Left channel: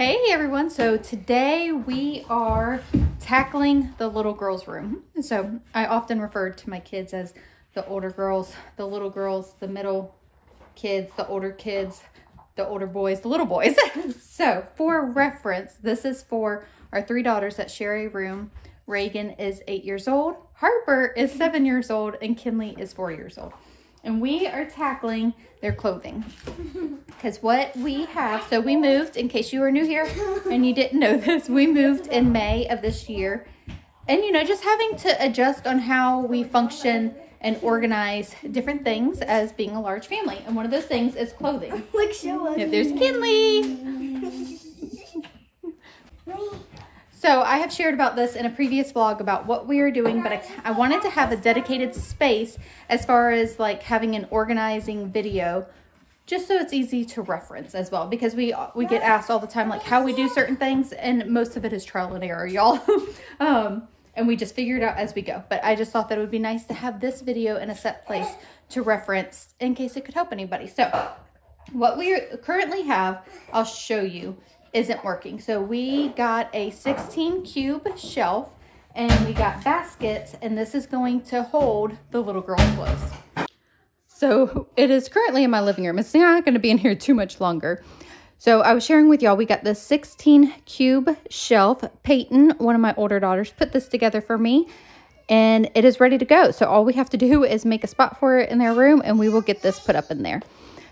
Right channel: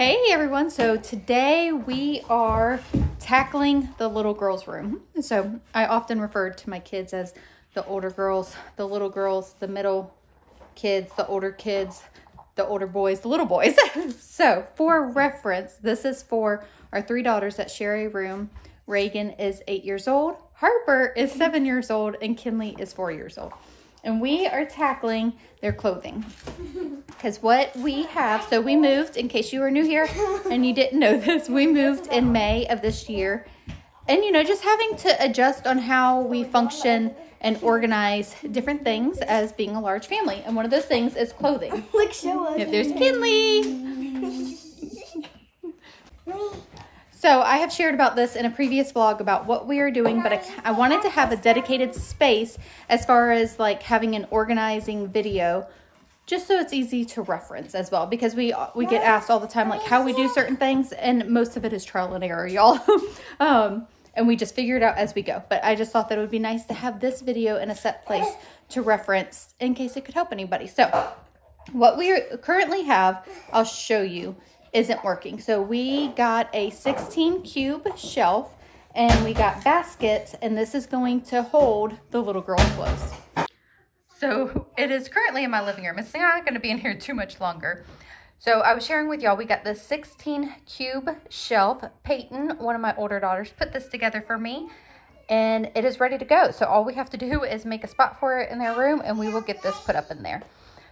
Hey everyone, so today we are tackling the little girls' room. So I often refer to my kids as the older girls, the little girls, the middle kids, the older boys, the little boys. So for reference, this is for our three daughters that share a room. Reagan is 8 years old, Harper is 7 years old, and Kinley is 4 years old. And we are tackling their clothing. Because what we have, so we moved, in case you were new here and you didn't know this, we moved in May of this year. And, you know, just having to adjust on how we function and organize different things as being a large family. And one of those things is clothing. Look, show us. Yep, there's Kinley. So I have shared about this in a previous vlog about what we are doing, but I wanted to have a dedicated space as far as like having an organizing video, just so it's easy to reference as well, because we get asked all the time like how we do certain things, and most of it is trial and error, y'all. And we just figure it out as we go. But I just thought that it would be nice to have this video in a set place to reference in case it could help anybody. So what we currently have, I'll show you, isn't working. So we got a 16 cube shelf and we got baskets, and this is going to hold the little girl's clothes. So it is currently in my living room. It's not going to be in here too much longer. So I was sharing with y'all, we got this 16 cube shelf. Peyton, one of my older daughters, put this together for me and it is ready to go. So all we have to do is make a spot for it in their room and we will get this put up in there.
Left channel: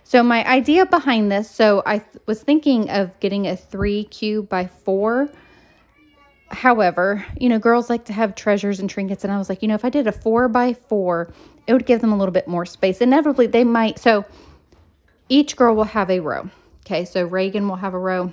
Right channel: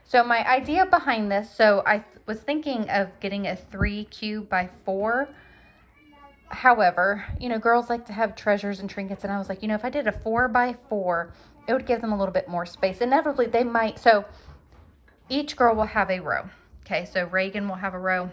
So my idea behind this, so I was thinking of getting a 3 cube by 4. However, you know, girls like to have treasures and trinkets. And I was like, you know, if I did a 4 by 4, it would give them a little bit more space. Inevitably, they might. So each girl will have a row. Okay, so Reagan will have a row,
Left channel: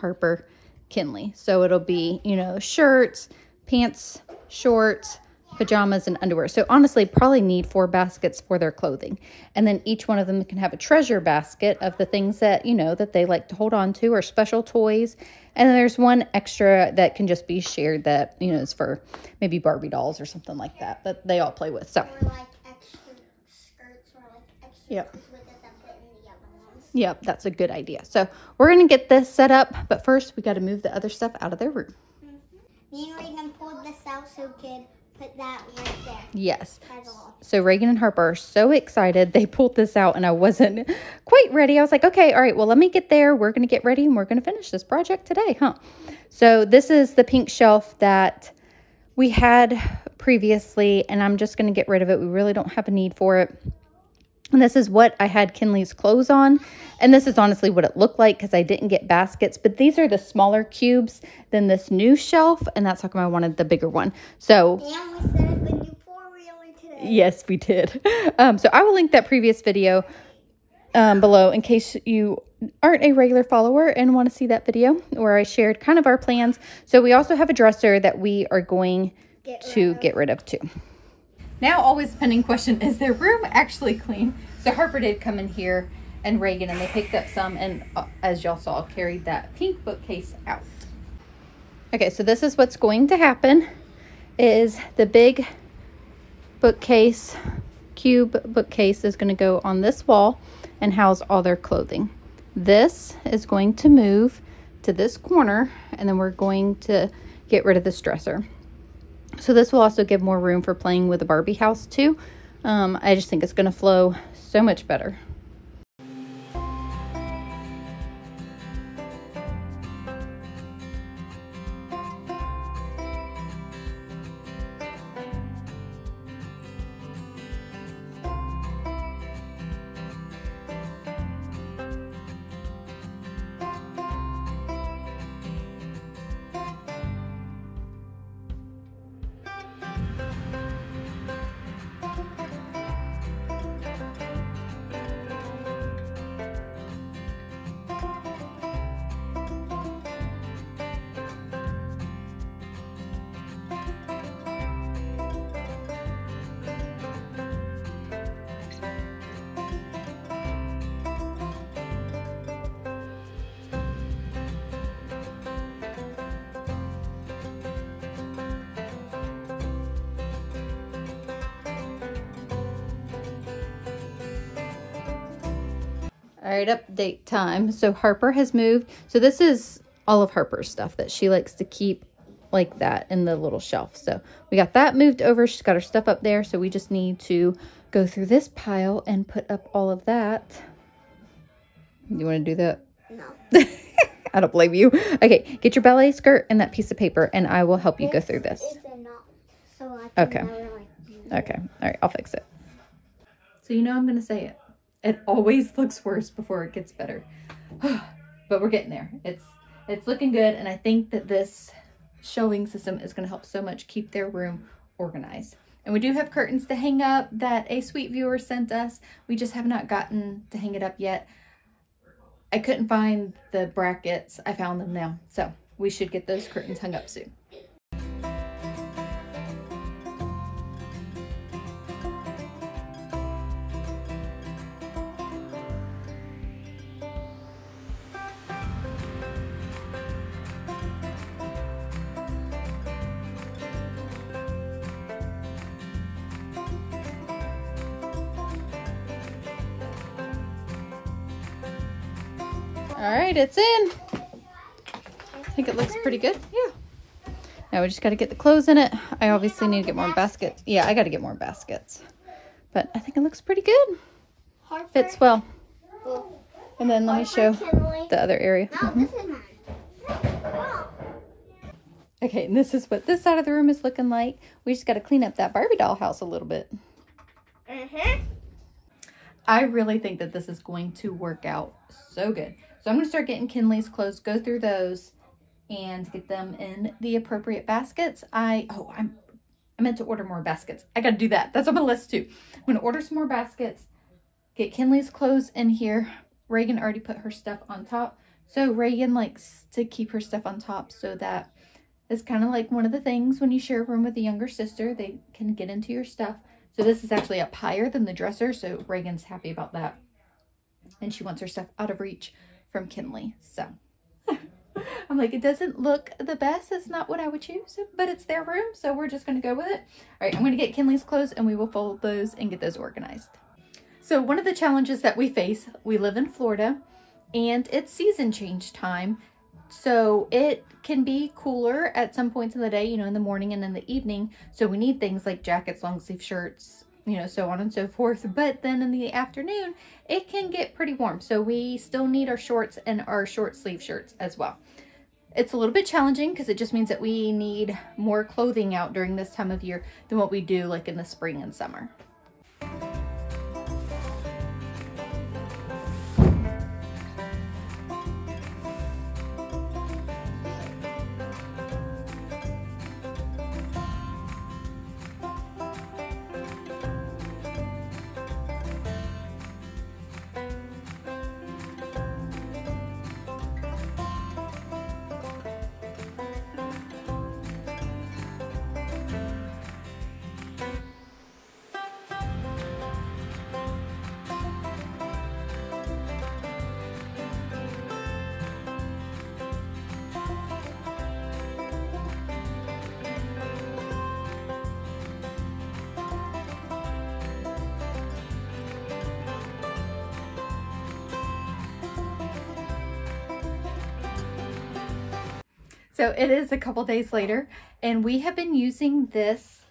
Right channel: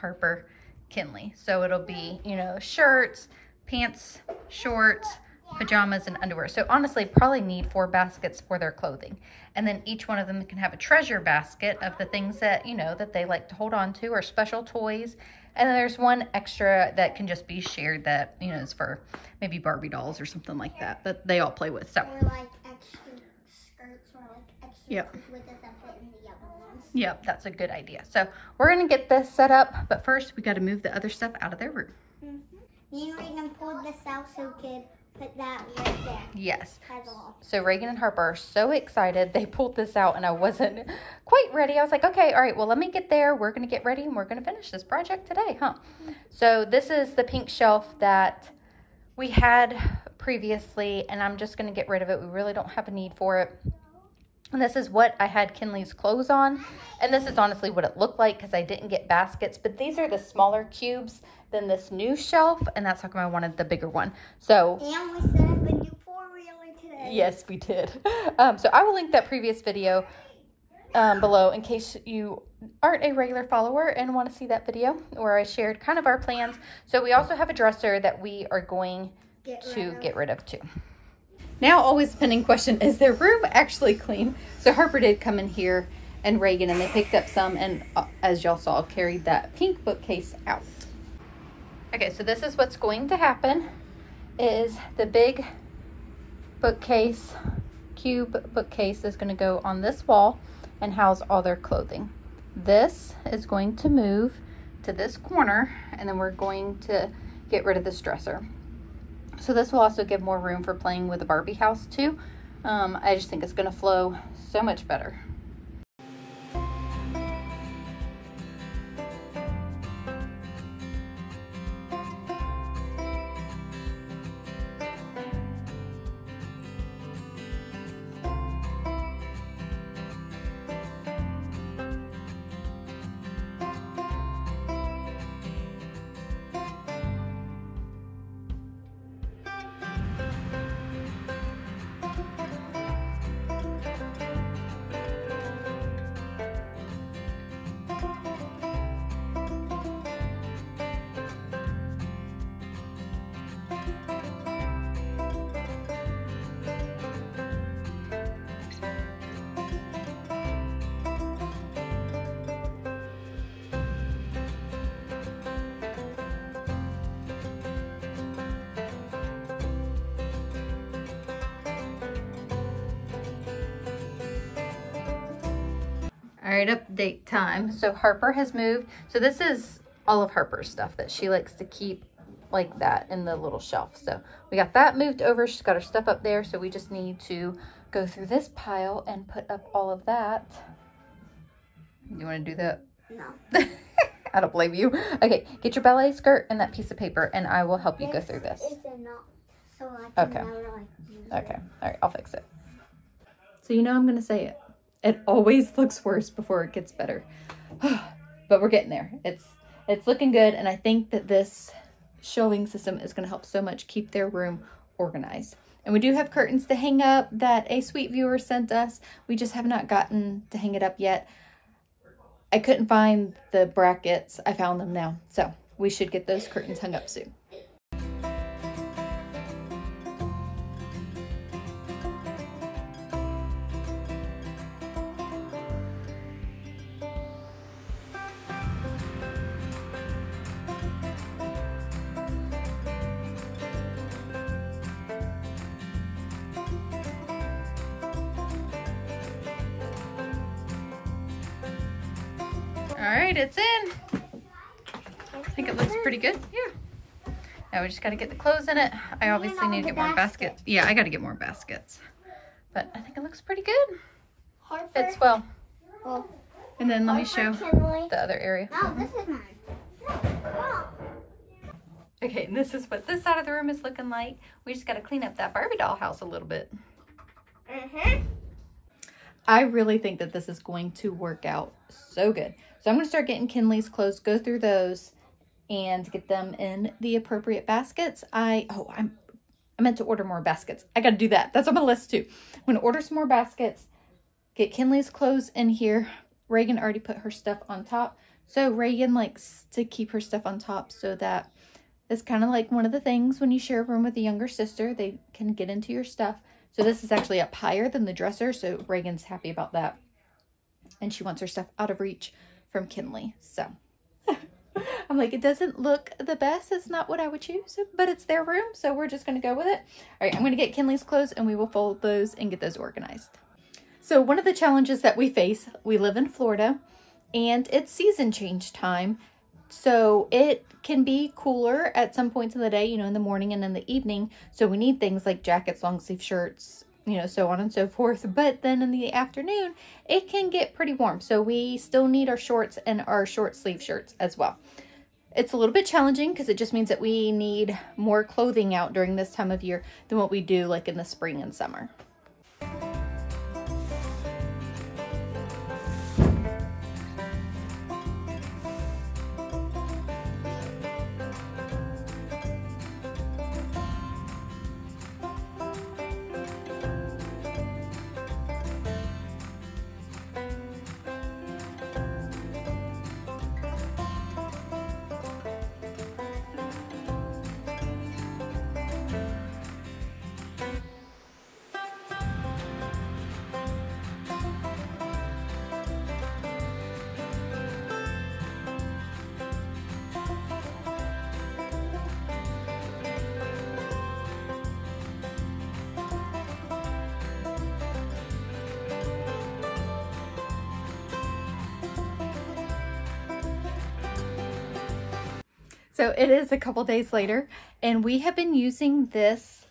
Harper, Kinley. So it'll be, you know, shirts, pants, shorts, pajamas, and underwear. So honestly, probably need 4 baskets for their clothing. And then each one of them can have a treasure basket of the things that, you know, that they like to hold on to, or special toys. And then there's one extra that can just be shared that, you know, is for maybe Barbie dolls or something like that they all play with. So, Or like extra skirts or like extra yep. with the fit in the yellow ones. Yep, that's a good idea. So we're going to get this set up, but first we got to move the other stuff out of their room. Me and Reagan pulled this out so we could put that right there. Yes. By the wall. So Reagan and Harper are so excited. They pulled this out and I wasn't quite ready. I was like, okay, all right, well, let me get there. We're going to get ready and we're going to finish this project today, huh? So this is the pink shelf that we had previously, and I'm just going to get rid of it. We really don't have a need for it. And this is what I had Kinley's clothes on. And this is honestly what it looked like because I didn't get baskets. But these are the smaller cubes than this new shelf. And that's how come I wanted the bigger one. So, And we set up a new four-wheeler today. yes, we did. So I will link that previous video below in case you aren't a regular follower and want to see that video where I shared kind of our plans. So we also have a dresser that we are going to get rid of too. Now, always the pending question, is their room actually clean? So Harper did come in here and Reagan, and they picked up some, and as y'all saw, carried that pink bookcase out. Okay, so this is what's going to happen, is the big bookcase, cube bookcase, is going to go on this wall and house all their clothing. This is going to move to this corner, and then we're going to get rid of this dresser. So this will also give more room for playing with the Barbie house too. I just think it's going to flow so much better. right, update time. So Harper has moved. So this is all of Harper's stuff that she likes to keep like that in the little shelf. So we got that moved over. She's got her stuff up there. So we just need to go through this pile and put up all of that. You want to do that? No. I don't blame you. Okay, get your ballet skirt and that piece of paper, and I will help you go through this. So I can Okay. never, Okay. All right, I'll fix it. So you know I'm going to say it. It always looks worse before it gets better. But we're getting there. It's looking good, and I think that this shelving system is going to help so much keep their room organized. And we do have curtains to hang up that a sweet viewer sent us. We just have not gotten to hang it up yet. I couldn't find the brackets. I found them now. So we should get those curtains hung up soon. All right, it's in. I think it looks pretty good. Yeah. Now we just got to get the clothes in it. I obviously need to get more baskets. Yeah, I got to get more baskets. But I think it looks pretty good. Harper. Fits well. Well, And then let me show Kinley. the other area. No, this is mine. Oh. Okay, and this is what this side of the room is looking like. We just got to clean up that Barbie doll house a little bit. I really think that this is going to work out so good. So I'm going to start getting Kinley's clothes, go through those, and get them in the appropriate baskets. I meant to order more baskets. I got to do that. That's on my list too. I'm going to order some more baskets, get Kinley's clothes in here. Reagan already put her stuff on top. So Reagan likes to keep her stuff on top, so that it's kind of like one of the things when you share a room with a younger sister, they can get into your stuff. So this is actually up higher than the dresser, so Reagan's happy about that. And she wants her stuff out of reach from Kinley. So I'm like, it doesn't look the best. It's not what I would choose, but it's their room, so we're just going to go with it. All right, I'm going to get Kinley's clothes, and we will fold those and get those organized. So one of the challenges that we face, we live in Florida, and it's season change time. So it can be cooler at some points in the day, you know, in the morning and in the evening. So we need things like jackets, long sleeve shirts, you know, so on and so forth. But then in the afternoon, it can get pretty warm. So we still need our shorts and our short sleeve shirts as well. It's a little bit challenging because it just means that we need more clothing out during this time of year than what we do like in the spring and summer. So it is a couple days later, and we have been using this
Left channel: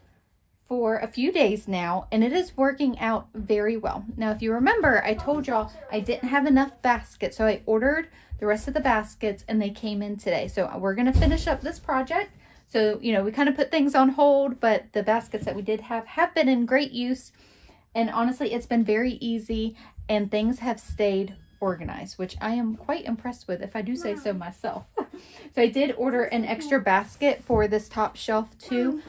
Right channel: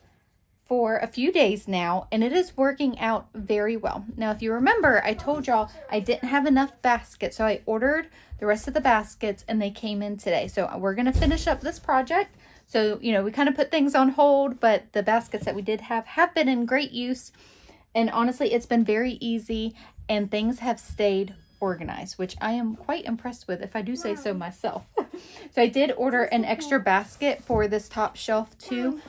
for a few days now, and it is working out very well. Now, if you remember, I told y'all I didn't have enough baskets, so I ordered the rest of the baskets, and they came in today. So we're going to finish up this project. So, you know, we kind of put things on hold, but the baskets that we did have been in great use. And honestly, it's been very easy, and things have stayed organized, which I am quite impressed with, if I do say so myself. So I did order an extra basket for this top shelf too.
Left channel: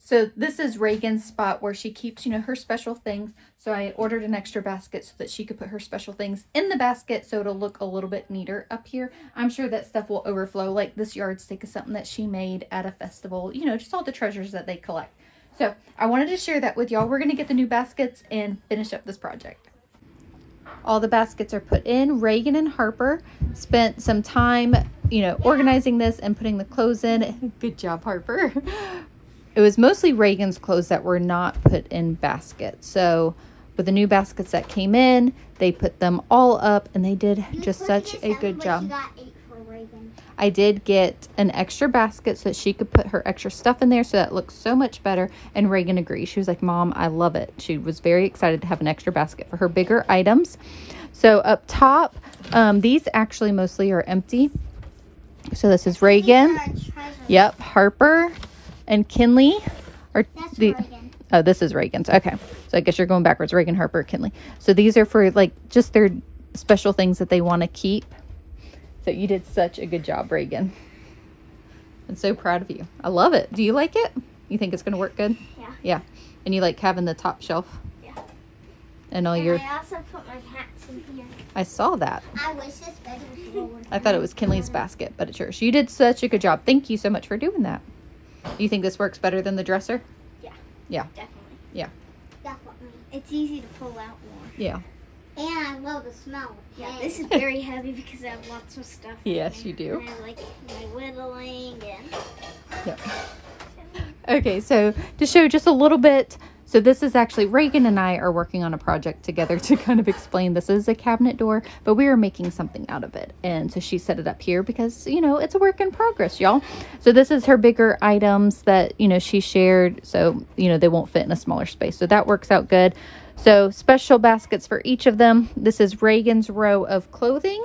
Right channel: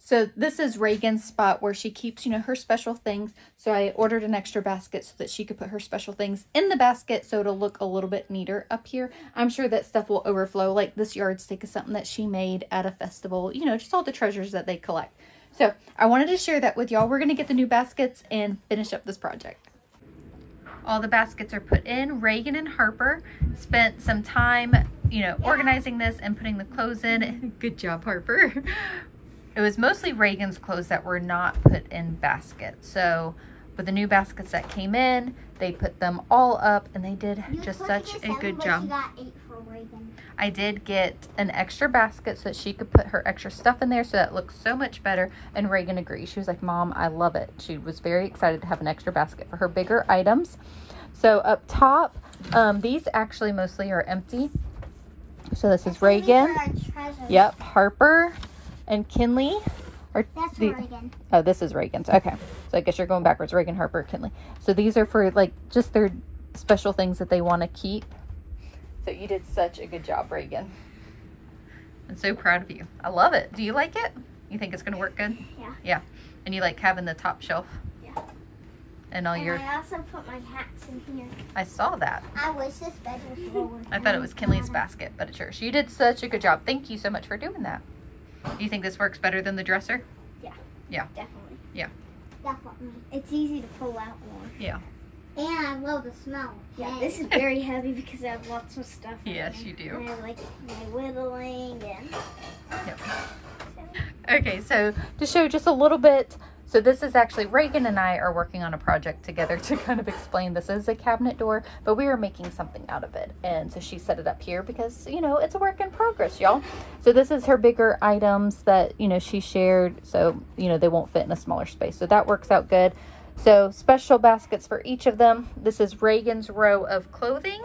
So this is Reagan's spot where she keeps, you know, her special things. So I ordered an extra basket so that she could put her special things in the basket, so it'll look a little bit neater up here. I'm sure that stuff will overflow, like this yardstick is something that she made at a festival, you know, just all the treasures that they collect. So I wanted to share that with y'all. We're going to get the new baskets and finish up this project. All the baskets are put in. Reagan and Harper spent some time, you know, organizing this and putting the clothes in. Good job, Harper. It was mostly Reagan's clothes that were not put in baskets. So But the new baskets that came in, they put them all up and they did just such a good job. I did get an extra basket so that she could put her extra stuff in there, so that looks so much better. And Reagan agreed. She was like, Mom, I love it. She was very excited to have an extra basket for her bigger items. So up top, these actually mostly are empty. So this is Reagan. Yep, Harper and Kinley. That's Reagan. Oh, this is Reagan's. Okay. So I guess you're going backwards. Reagan, Harper, Kinley. So these are for like just their special things that they want to keep. So you did such a good job, Reagan. I'm so proud of you. I love it. Do you like it? You think it's going to work good? Yeah. Yeah. And you like having the top shelf? Yeah. And all your... I also put my hats in here. I saw that. I wish this bed was lower. I thought it was Kinley's basket, but it's yours. You did such a good job. Thank you so much for doing that. You think this works better than the dresser? Yeah. Yeah. Definitely. Yeah. Definitely. It's easy to pull out more. Yeah. And I love the smell. Yeah, this is very heavy because I have lots of stuff in Yes, here. you do. And I have like my whittling and... Yep. Okay, so to show just a little bit, so this is actually, Reagan and I are working on a project together to kind of explain. This is a cabinet door, but we are making something out of it. And so she set it up here because, you know, it's a work in progress, y'all. So this is her bigger items that, you know, she shared. So, you know, they won't fit in a smaller space. So that works out good. So special baskets for each of them. This is Reagan's row of clothing.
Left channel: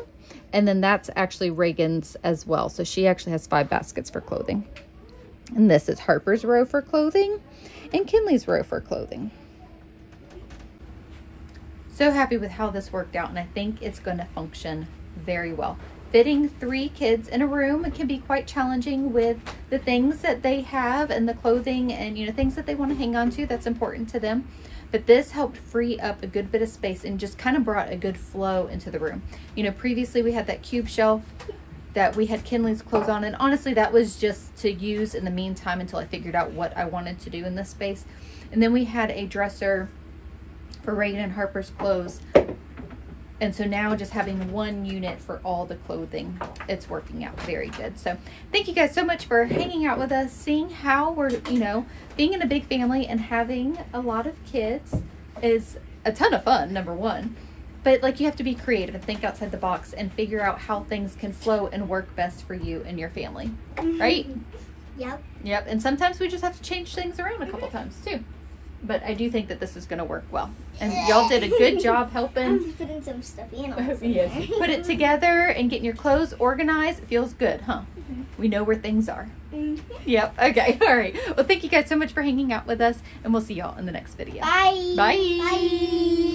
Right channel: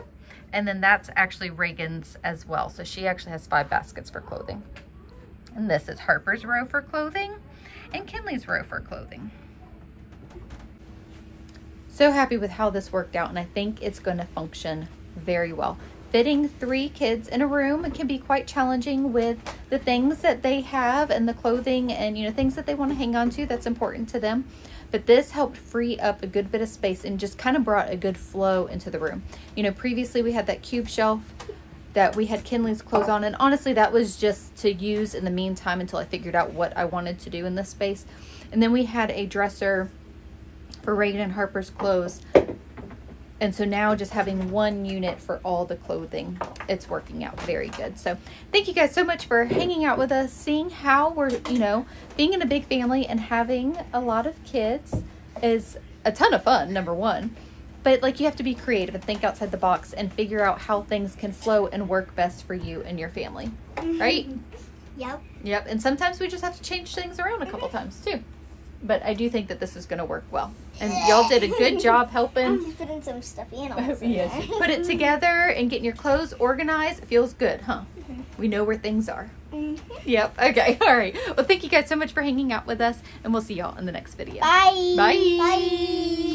And then that's actually Reagan's as well. So she actually has 5 baskets for clothing. And this is Harper's row for clothing and Kinley's row for clothing. So happy with how this worked out, and I think it's going to function very well. Fitting 3 kids in a room, it can be quite challenging with the things that they have and the clothing and, you know, things that they want to hang on to that's important to them. But this helped free up a good bit of space and just kind of brought a good flow into the room. You know, previously we had that cube shelf that we had Kinley's clothes on, and honestly that was just to use in the meantime until I figured out what I wanted to do in this space. And then we had a dresser for Reagan and Harper's clothes. And so now just having one unit for all the clothing, it's working out very good. So thank you guys so much for hanging out with us, seeing how we're, you know, being in a big family and having a lot of kids is a ton of fun, number one. But like, you have to be creative and think outside the box and figure out how things can flow and work best for you and your family, right? Yep. Yep. And sometimes we just have to change things around a couple times too. But I do think that this is going to work well. And y'all did a good job helping. I'm just putting some stuffy animals in Yes. there. Put it together and getting your clothes organized. It feels good, huh? We know where things are. Yep. Okay. All right. Well, thank you guys so much for hanging out with us, and we'll see y'all in the next video. Bye. Bye. Bye.